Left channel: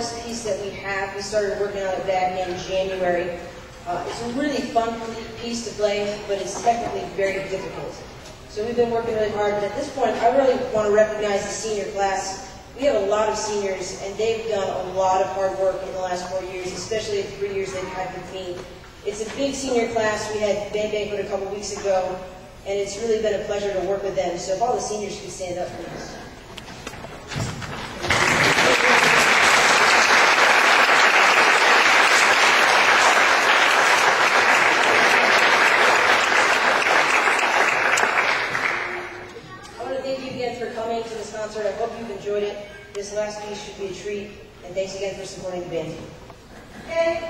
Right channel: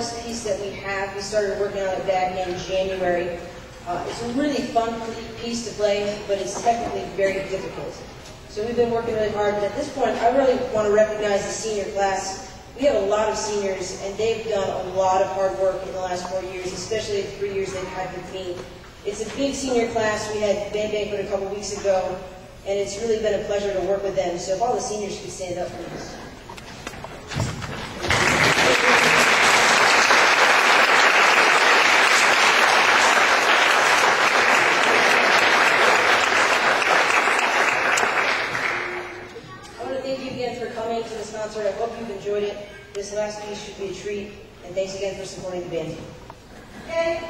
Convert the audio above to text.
hardest piece that we have. We started working on it back in January. It's a really fun piece to play, but it's technically very difficult. So we've been working really hard. And at this point, I really want to recognize the senior class. We have a lot of seniors, and they've done a lot of hard work in the last 4 years, especially the 3 years they've had with me. It's a big senior class. We had Band Banquet a couple weeks ago, and it's really been a pleasure to work with them. So if all the seniors could stand up, please. I hope you've enjoyed it. This last piece should be a treat, and thanks again for supporting the band. Okay.